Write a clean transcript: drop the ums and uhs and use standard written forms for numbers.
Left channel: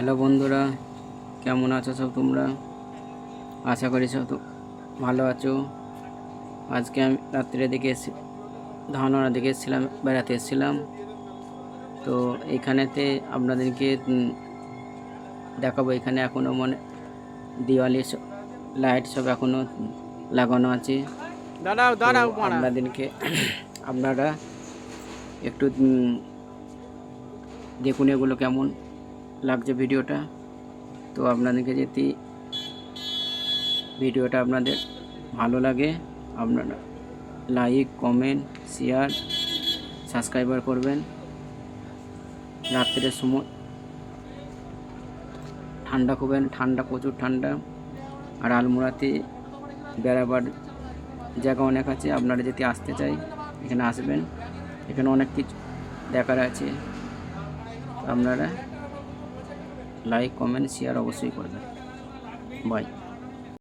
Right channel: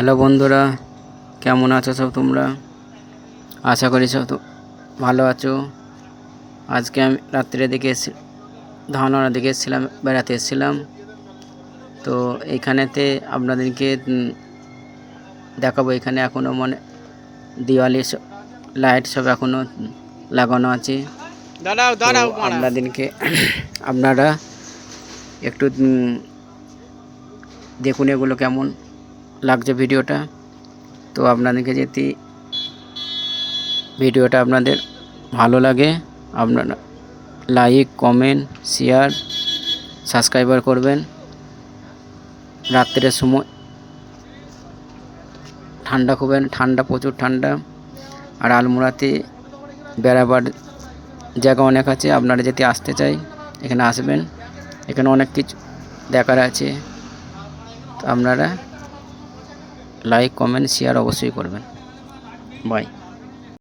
Hello বন্ধুরা, কেমন আছো সব তোমরা? আশা করি সব তো ভালো আছো। আজকে আমি রাত্রে দিকে ধানওয়ারা দিকে এসেছিলাম, বেড়াতে এসেছিলাম। তো এইখানেতে আপনাদেরকে দেখাবো। এখানে এখনও দিওয়ালি লাইট সব এখনও লাগানো আছে। তো আপনাদেরকে আপনারা একটু দেখুন এগুলো কেমন লাগছে ভিডিওটা। তো আপনাদেরকে যদি ভিডিওটা আপনাদের ভালো লাগে, আপনারা লাইক, কমেন্ট, শেয়ার, সাবস্ক্রাইবার করবেন। রাত্রের সময় ঠান্ডা প্রচুর ঠান্ডা। আর আলমোড়াতে বেড়াবার জায়গা অনেক আছে। আপনারা যদি আসতে চাই এখানে আসবেন। এখানে অনেক কিছু দেখার আছে। তো আপনারা লাইক, কমেন্ট, শেয়ার অবশ্যই করবেন। বাই।